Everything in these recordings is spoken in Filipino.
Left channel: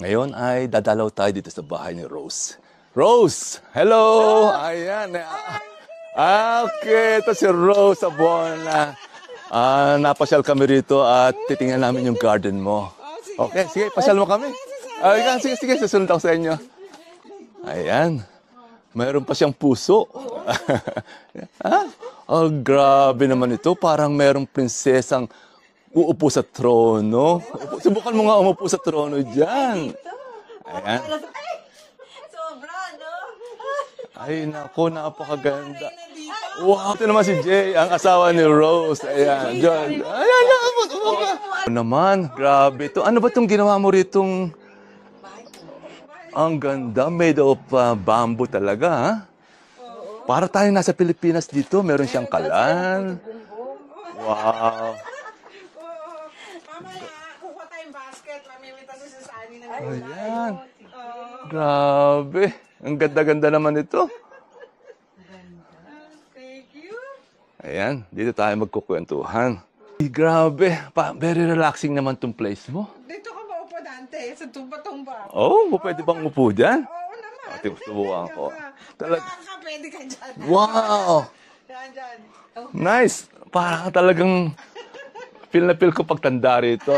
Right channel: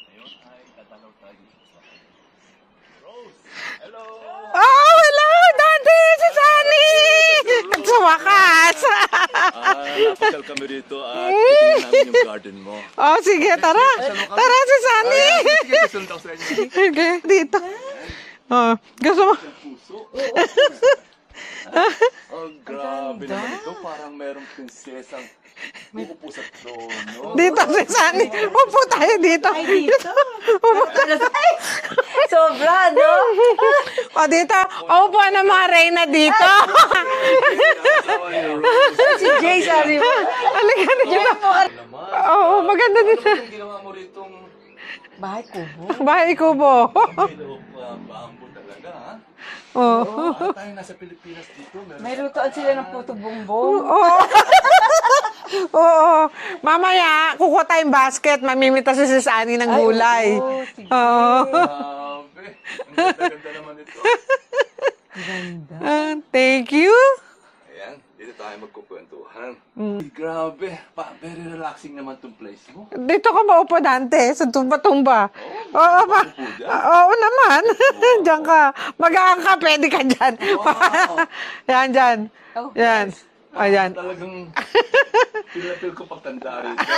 Ngayon ay dadalaw tayo dito sa bahay ni Rose. Rose! Hello! Hello, Daddy! Si Sunny! Okay, ito si Rose Sa sa wakas! buwan. Napasyal kami rito at titingnan namin yung garden mo. Oh, sige, Okay, tara. sige, pasyal mo kami. Tara, si Sunny! Sige, susunod ako sa inyo. Okay, dito. Ayan. Oh, Mayroon pa siyang puso. Oh, grabe naman ito. Parang mayroong prinsesang uupo sa trono. Dito, si Subukan Sunny. mo nga umupo sa Upo tayo trono dito. dyan. Sobra, no? O, dito. Naku, Opo ang napakaganda. mga reyna dito. Ito naman si Jay, ang asawa ni Rose. Si Jay, sorry po. Ano naman, Oo, grabe. maganda Ano dito. ba itong ginawa mo ritong Bahay ko. Bahay ko ang po. ganda, made of bamboo talaga, ha? Oh. Para tayo nasa Pilipinas dito, meron siyang kalan. Bumbong. Oo. Mamaya, kukuha tayong basket. Mamimita si Sunny ng gulay. Oo. Grabe, ang ganda-ganda naman ito. Thank you. Ayan, dito tayo magkukwentuhan. Grabe, very relaxing naman tong place mo. Dito ka maupo, Dante, sa tumba-tumba. Oh, pwede ba upo dyan? Oo naman. Wow. Diyan ka. Mag-aang ka, pwede ka dyan. Wow! Yan, dyan. Yan. Nice! Parang talagang feel na feel ko pagtanda rito.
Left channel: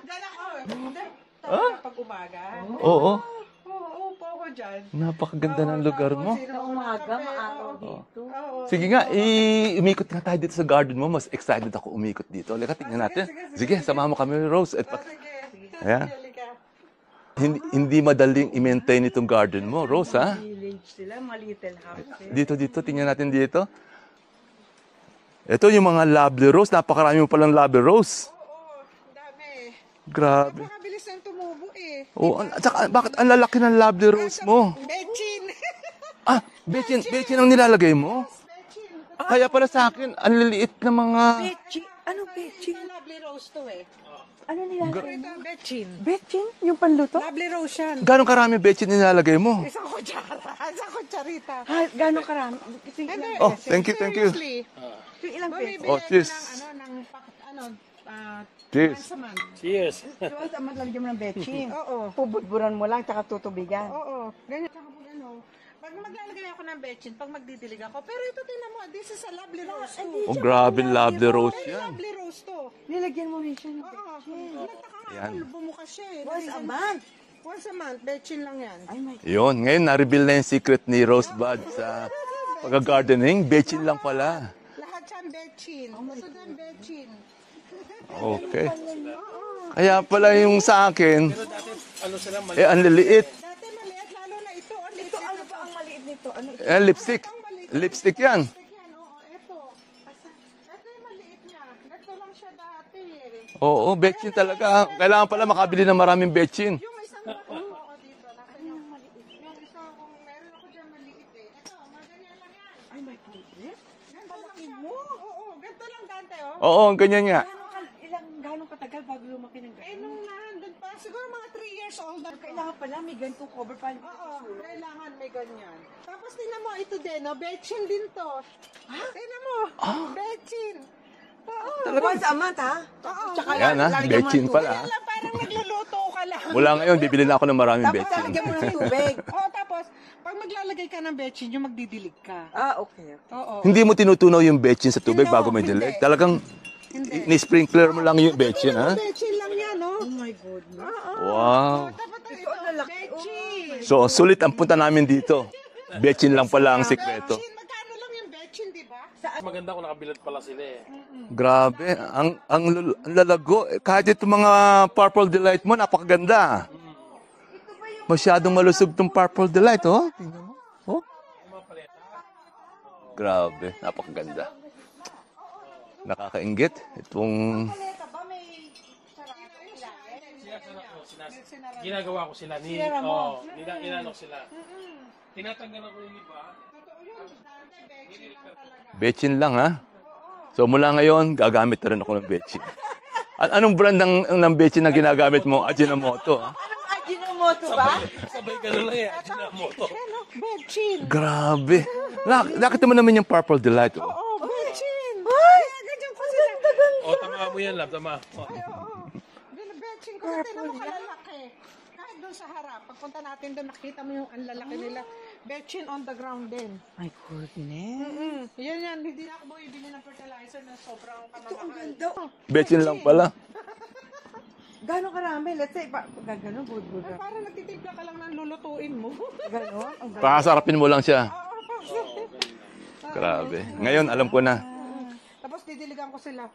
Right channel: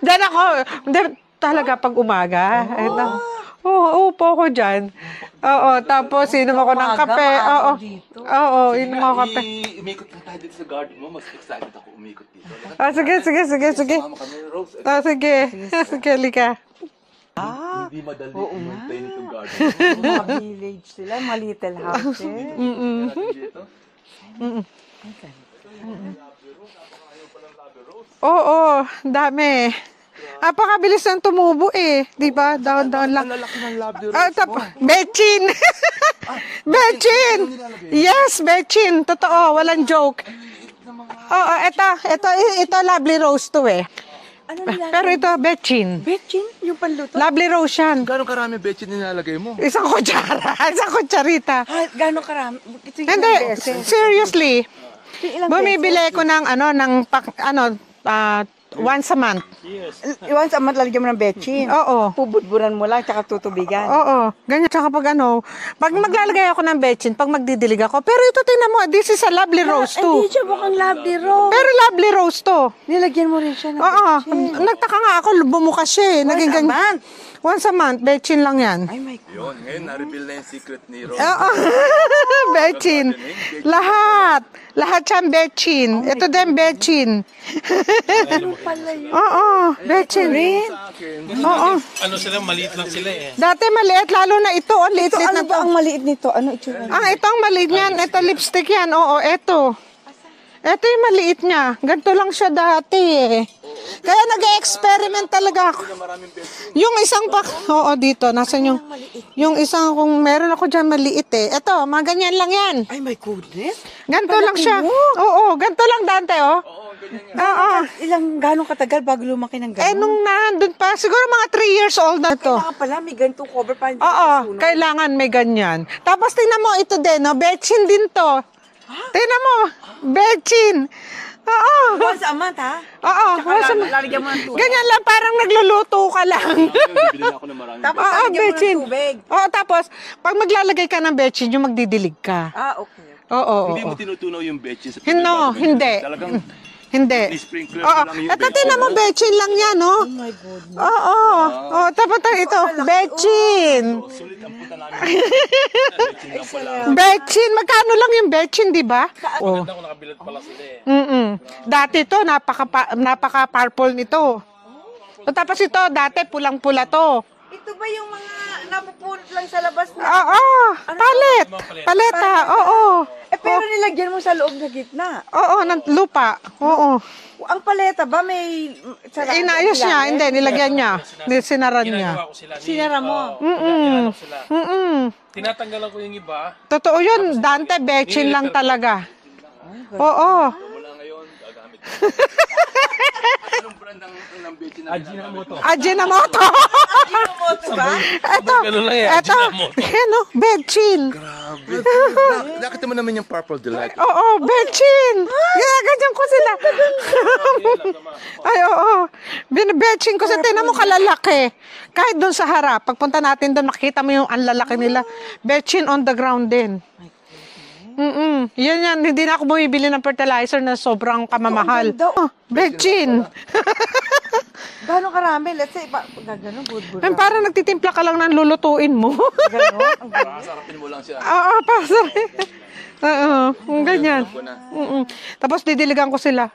Dyan ako. Hindi, talaga pag umaga. Oo. Oo, upo ako dyan. Napakaganda Oo, ng lugar tapos mo. inom ako ng Umaga, kape. maaaraw Oo. dito. Oo, Sige inom nga, ako kape. umikot nga tayo dito sa garden mo. Mas excited ako umikot dito. Halika, tingnan Sige, natin. sige, sige. Samahan mo kami ni Rose. Ito, Sige. Sige, lika. hindi madaling i-maintain itong garden mo, Rose, ha? Village sila, mga little houses. Dito, tingnan natin dito. Ito yung mga lovely rose. Napakarami mo palang lovely rose. Oo, dami. Grabe. Napakabilis ng tumubo eh. Di ba? At saka, bakit ang lalaki ng lovely rose mo? Bechin! Bechin! Ang nilalagay mo? Yes, Bechin. Kaya Totoo, pala walang sa akin, joke. Ang liliit na mga... Oo, ito lovely rose to eh. Ano nila? Pero ito, Bechin. Betchin? Yung panluto? Lovely rose yan. Gano'ng karami bechin nilalagay mo? Isang kutsara, isang kutsarita. Ha, gano'ng karami? Sige, Hindi, Oh, thank you, seriously. Ilang Bumibili pesos? ko ng once a month. Once a month lalagyan mo ng betchin. Oo. Pubudburan mo lang, tsaka tutubigan. Oo, ganyan. Tsaka pag pag maglalagay ako ng bechin, pag magdidilig ako. Pero ito, tingnan mo, this is a lovely rose too. Hindi siya Grabe, parang lovely lovely rose. rose. Pero lovely rose to. Nilagyan mo rin siya ng Oo, betchin. nagtaka nga ako, bumukas siya eh. Once a month? Once a month, bechin lang yan. Ay, my God. Yun, ngayon na-reveal na yung secret ni Rose. Bechin. Gardening, bechin lang Lahat. pala. Lahat yan bechin. Ito din bechin. Okay. Oo, Kaya bechin. pala yung sa akin, Oo. Ano sila, maliit ang lang sila liliit. eh. Dati maliit, lalo na ito. Ang Ito, liit-liit ano na ba to. ang maliit nito? Ano ito? Lipstick. Ito ang maliit niyan. Lipstick Ito yan. lipstick yan. Oo, ito. Ito yung maliit niya. Ganito lang siya dati eh. Oo, Kaya bechin nag-experiment Kailangan pala talaga. makabili ng maraming bechin. Yung isang oo, dito. Nasaan yung isang, kung meron ako dyan maliit eh. Ito, mga ganyan lang yan. Ay, my goodness. Ganito lang siya. Oo, ganito lang Dante, oh. Oo, ganyan nga. Oo. Gano'ng katagal bago lumaki ng Eh, gano'n? nung nandun pa, siguro mga 3 years old na to. Kailangan pala, may ganitong cover pa. Oo, kailangan may ganyan. Tapos tingnan mo, ito din, no? Bechin din to. Tingnan mo, bechin. Oo. Once a month, ha? Oo. Yan ha, bechin pala. Ganyan lang, parang nagluluto ka lang. Wala ngayon, bibili na ako ng maraming Oo, bechin. Lagyan mo ng bechin. tubig. Oo, tapos, pag maglalagay ka ng bechin, yung magdidilig ka. Ah, okay. Oo. Hindi mo tinutunaw yung bechin sa tubig No, bago may hindi. dilig. Talagang Hindi. ni-sprinkler mo Oo. lang yung Ito, bechin, tingnan mo, ha? bechin lang yan, no? Oh my goodness. Oo. Wow. Oo, tapos ito, bechin. So, sulit ang punta namin dito. Bechin lang pala ang sikreto. Bechin, magkano lang yung bechin, di ba? Maganda kung nakabilad pala sila eh. Grabe. Dati to, napaka-purple Kahit nito. itong mga purple Tapos delight mo, ito, dati napakaganda. pulang-pula to. Ito ba yung Masyadong malusog tong purple delight, oh. Oo, paleta, oo. Grabe. pero nilagyan mo sa loob na gitna. Oo, ng lupa. Nakakaingit. Oo. Kung Ang paleta ba may... Inayos niya, hindi, nilagyan niya. Sinaran niya. Ginagawa ko sila. Sinara mo? Ginagawa ko sila. Mm-mm. Tinatanggalan ko yung iba. Totoo yun, Dante, bechin lang talaga. bechin lang, ha? Oo. So, mula ngayon, gagamit na rin ako ng bechin. At anong brand ng bechin na ginagamit mo? Ajinomoto. Ginamoto ba? Eto, Ganun lang yan, eto, ginamoto. yan o, Betchin. Grabe. Nakita mo naman yung Purple Delight. Oo, Betchin. Ginaganyan ko sila. Grabe yan, tama. Ay, oo. Binibetching ko sa tinan mo kalalaki. Kahit doon sa harap, pagpunta natin doon, makita mo yung ang lalaki nila. Betchin on the ground din. Yan. Hindi na ako bumibili ng fertilizer na sobrang kamamahal. Ang ganda. Oh, Betchin Betchin. lang pala. Gano'ng karami? Let's say, gano'n, budbud. Ay, parang nagtitimpla ka lang ng lulutuin mo. Gano'n? Ang ganda. Pakasarapin mo lang siya. Oo, pasok. Oo, Grabe. Ngayon, ganyan. alam ko na. Tapos didiligan ko sila.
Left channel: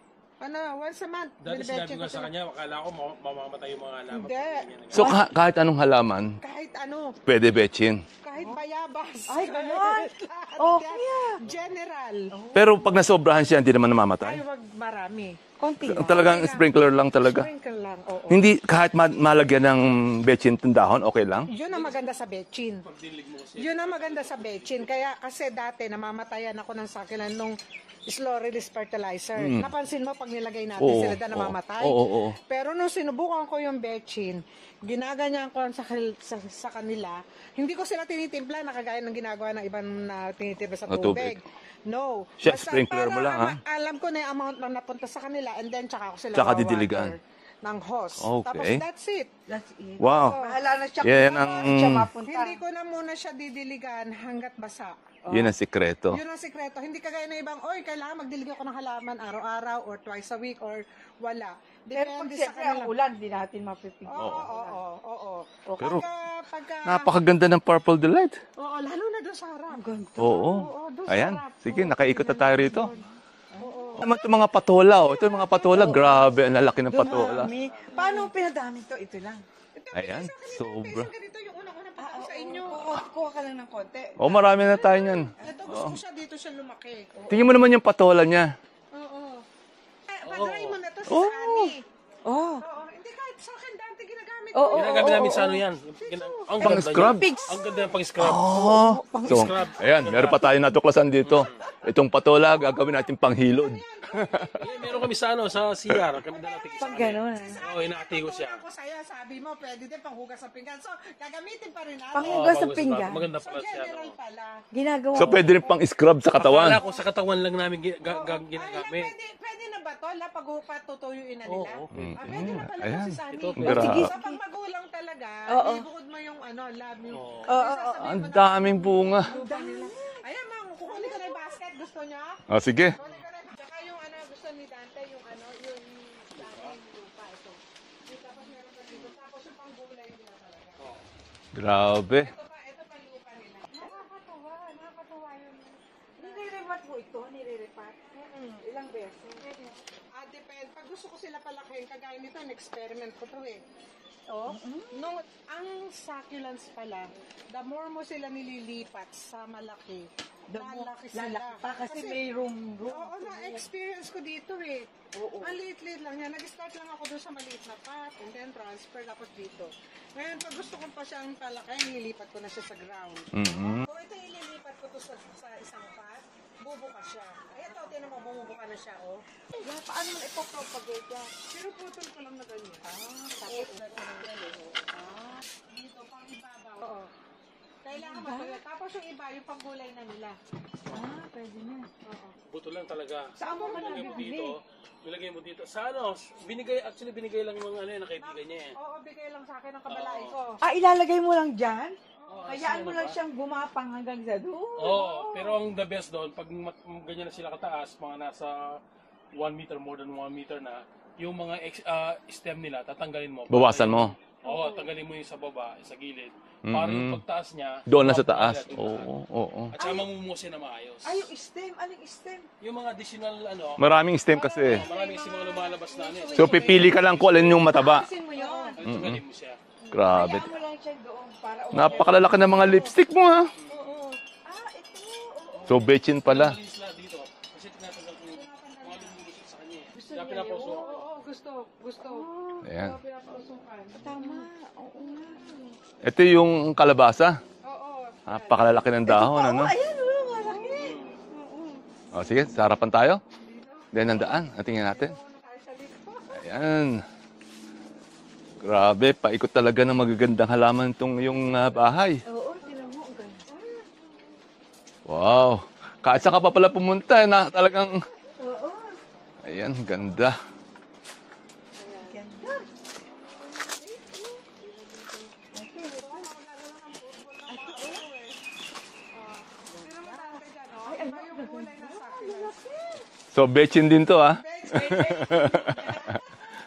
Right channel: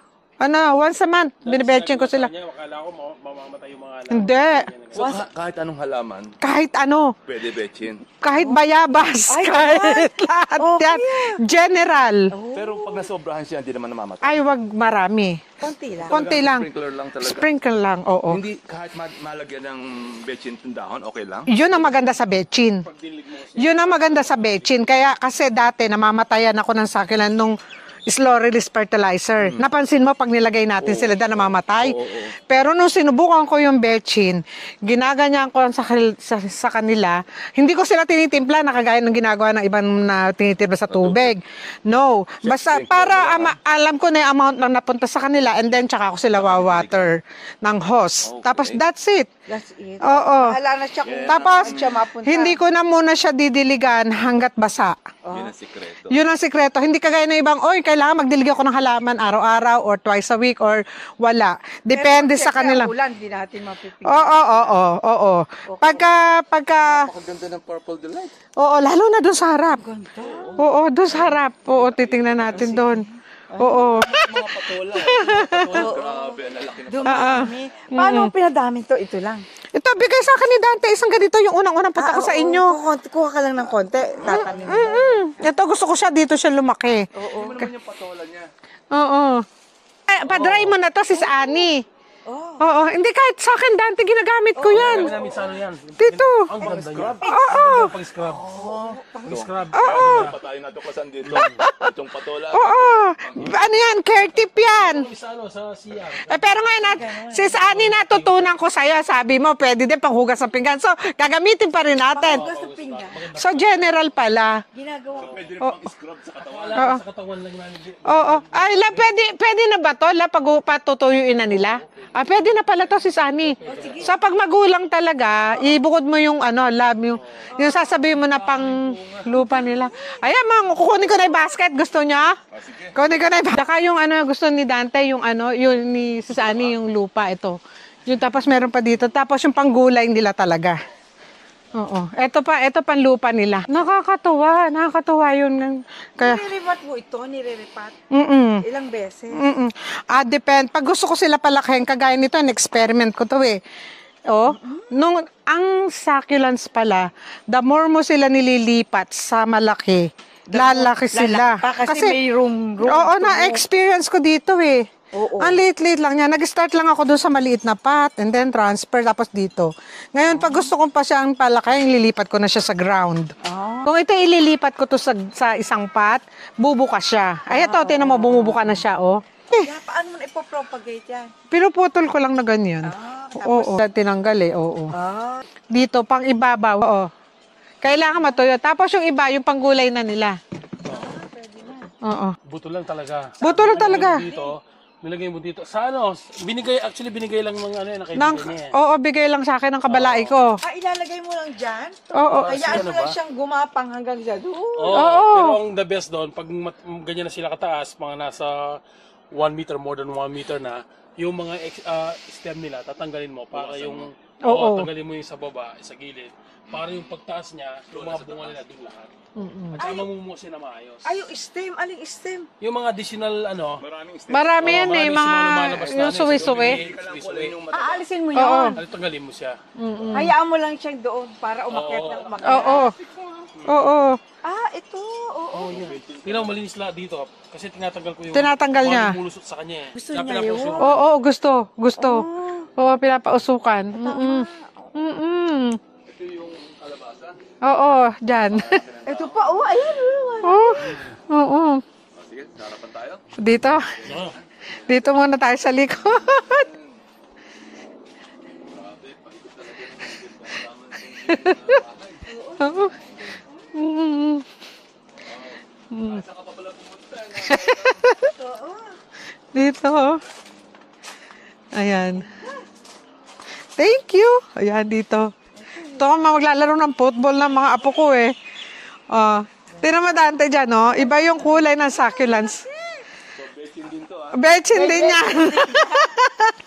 Once a month, binibetching ko sila. Kanya, akala ko mamamatay yung mga anak. Hindi. So, kahit anong halaman, Kahit ano. pwede betchin. Kahit bayabas. Ay, kahit lahat Okay yan. General. Pero pag nasobrahan siya, hindi naman namamatay. Ay, wag marami. Kunti lang. Talagang konti lang. sprinkler lang talaga. Sprinkle lang, oo. Hindi, kahit malagyan ng betchin itong dahon, okay lang? Yun ang maganda sa betchin. Yun ang maganda sa betchin. Kaya kasi dati namamatayan ako ng sakilan nung slow release fertilizer. Napansin mo pag nilagay natin Oo, sila na namamatay. oo. Pero nung sinubukan ko yung betchin, ginaganyan ko sa kanila, hindi ko sila tinitimpla na kagaya ng ginagawa ng ibang na tinitimpla sa tubig. No. Siya, Basta sprinkler para mo lang, alam ko na yung amount na napunta sa kanila and then tsaka ko sila Tsaka wawater ng hose. Okay. Tapos that's it. That's it. Oo. Bahala na siya. Yeah, Tapos, siya mapunta. hindi ko na muna siya didiligan hanggat basa. Yun ang sikreto. Yun ang sikreto. Hindi kagaya ng ibang, oy, kailangan magdilig ako ng halaman araw-araw or twice a week or wala. Depende sa kanila. Ulan, hindi natin mapipigil. Oo. Pagka, Napakaganda ng Purple Delight. oo, lalo na doon sa harap. Oo. Oo, doon sa Ayan. harap. Sige, Oo, nakaikot titingnan na tayo natin rito. doon. Oo. Ito mga patola. Ito mga patola. Grabe, ang lalaki ng patola. Paano pinadami to? Ito lang. Ito, bigay sa akin ni Dante. Isang ganito yung unang-unang punta ko sa inyo. Kuha ka lang ng konti. Oh, marami na tayo yun. Ito, gusto ko siya dito siya lumaki. Tingnan mo naman yung patola niya. Oo. Ay, padry mo na to, sis Annie. Oh. Oo, hindi kahit sa akin, Dante, ginagamit ko yan. Kami namin sa ano yan. Dito. Ang ganda Pang-scrub? niya. Ang ganda pang scrub. So, ayan, meron pa tayo natuklasan dito. Itong patola, gagawin natin panghilid. Ano yan? Care tip yan. Kami sa ano, sa CR. Pero ngayon, sis Annie, natutunan ko sa'yo. Sabi mo, pwede din panghugas ng pinggan. So, gagamitin pa rin natin. Hugas sa pinggan. So, general pala. Ginagawa. So, pwede rin pang-scrub sa katawan. Wala pa sa katawan lang namin. Oo. Ay, pwede na ba to? Patutuyuin na nila? Pwede na pala to, sis Annie. Sa pag magulang talaga, ibukod mo yung lab, yung sasabihin mo na pang daming bunga. lupa nila. Ayan, kukunin ko na yung basket. Gusto niya? Oh, sige. Kunin ko na yung basket. Saka yung gusto ni Dante, yung yung ni sis Annie, yung lupa, ito. Yung tapos meron pa dito. Tapos yung panggulay nila talaga. Grabe. Ito pang lupa nila. Nakakatuwa yun. Kaya, Nire-repat mo ito, nire-repat. Ilang beses. depend. Pag gusto ko sila palakihin, kagaya nito, experiment ko to eh. Ang succulents pala, the more mo sila nililipat sa malaki, lalaki sila. Kasi may room. Oo, na-experience ko dito eh. Oo. Ang liit-liit lang niya. Nag-start lang ako doon sa maliit na pot and then transfer tapos dito. Ngayon, pag gusto ko pa siyang palakayin, lilipat ko na siya sa ground. Kung ito ililipat ko to sa isang pot, bubuka siya. Ay, ito, tinan mo, bumubuka na siya, oh. Paano mo na ipopropagate yan? Pinuputol ko lang na ganyan. Oo. Tinanggal eh, oo. Dito, pang ibabaw, oo. Kailangan matuyo. Tapos yung iba, yung panggulay na nila. Oo. Buto lang talaga. Buto lang talaga. Nilagay mo dito. Sa ano, binigay lang ng kaibigan niya. Oo, bigay lang sa akin ng kabalai ko. Ilalagay mo lang dyan? Oo. Hayaan mo lang siyang gumapang hanggang dyan. Oo. Pero ang the best doon, pag ganyan na sila kataas, mga nasa 1 meter, more than 1 meter na, yung mga stem nila, tatanggalin mo. Bawasan mo. Oo. Tanggalin mo yung sa baba, sa gilid. Para yung pagtaas niya, Doon na sa bumaba taas. nila doon na. Oo. At saka mamumusin na maayos. Ay, yung stem. Aling stem? Yung mga additional Maraming stem Marami kasi. yan eh, Marami mga lumalabas na yung So, suwi-suwi. pipili ka lang kung alin yung mataba. Alisin mo yun. tanggalin mo siya. Grabe. Hayaan mo lang siyang doon para umakyat. Napakalalaki ng mga Oo. lipstick mo, ha? Oo. Ito. Oo. So, betchin Pala. pala. Malinis lahat dito. Kasi tinatanggal ko yung Tinatanggal niya. mga mulusot sa kanya. Gusto niya yun? Oo, gusto. Oo, pinapausukan. Ito yung kalabasa. Oo, dyan. Napakalalaki ng dahon. Ano? Ayan. Oo. O, sige, sa harapan tayo. Dito. Yan ang daan. Natingnan natin. Dito muna tayo sa likod. Yan. Grabe, paikot talaga ng magagandang halaman itong yung bahay. Wow. Kahit saan ka pa pala pumunta, na talagang... Ayan, Dito, oh. ganda. Ayan. Thank you. Ayan, dito. Ito ako maglalaro ng football ng mga apo ko eh. Tira mo Dante dyan, oh. Iba yung kulay ng succulents. So, betchin din to, ha? Betchin din yan.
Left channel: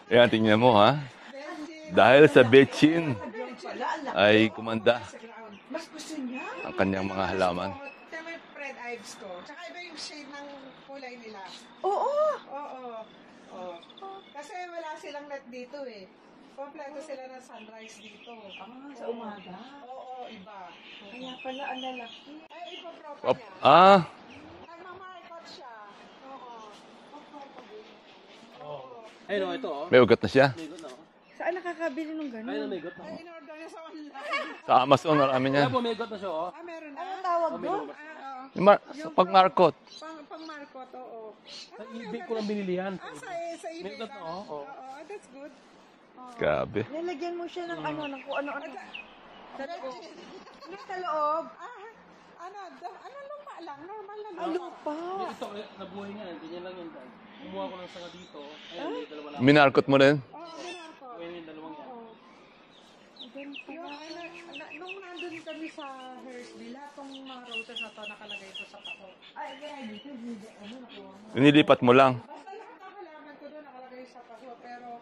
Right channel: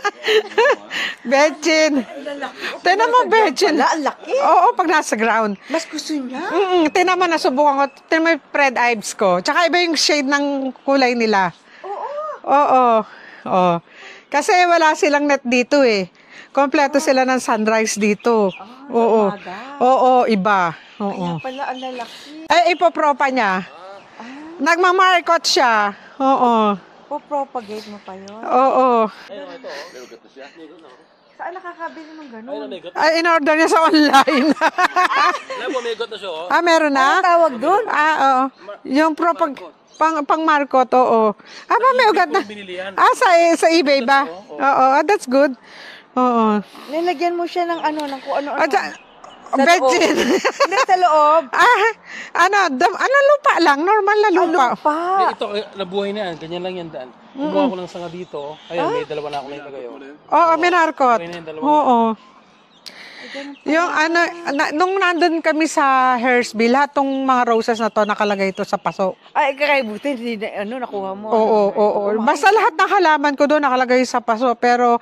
Ayan, tingnan mo, ha? Betchin. Dahil sa betchin. Tingnan mo, betchin. Wala, ang laki. Ay, Oo, kumanda. pag nasa ground. Mas gusto niya. Tingnan mo, nasubukan ko. Tingnan mo yung Fred Ives ko. Tsaka iba yung shade ng kulay nila. Oo. Oo. Oo. Kasi wala silang net dito eh. Kompleto sila ng sunrise dito. Oo. umaga. Oo, iba. Oo. Kaya pala ang lalaki. Ay, ipopropa niya. Ah, Nagmamarkot siya. Oo. Po-propagate mo pa yun. Oo. Ayun, oh, ito, oh. may ugat na siya. Saan nakakabili ng Ayun, gano'n? may ikot. Ay, in-order niya sa online. Sa Amazon na kami yan. Alam mo, may ikot na siya, oh. Meron na? Ano tawag doon? Oo. Yung pag-markot. Pang-markot, oo. May ugat na. Kung binili yan. Sa eBay ba? Oo, that's good. Oo. Grabe. Nilagyan mo siya ng ano, ng kung ano-ano. Sa Betchin. Hindi, sa loob. Lupa lang. Normal na lupa. Eh, ito, nabuhay na yan. Ganyan lang yan, daan. Kumuha ko lang sanga dito. Ayun, may dalawa na ako. Minarkot mo rin? Oo, minarkot. Buhay na yung dalawa. Oo. Yung nung nandun kami sa Hersville, lahat tong mga roses na to nakalagay ito sa paso. Ay, kakaibutin. Hindi, nakuha mo. Oo, Nilipat mo oo. lang. Basta lahat ng halaman ko doon nakalagay sa paso. Pero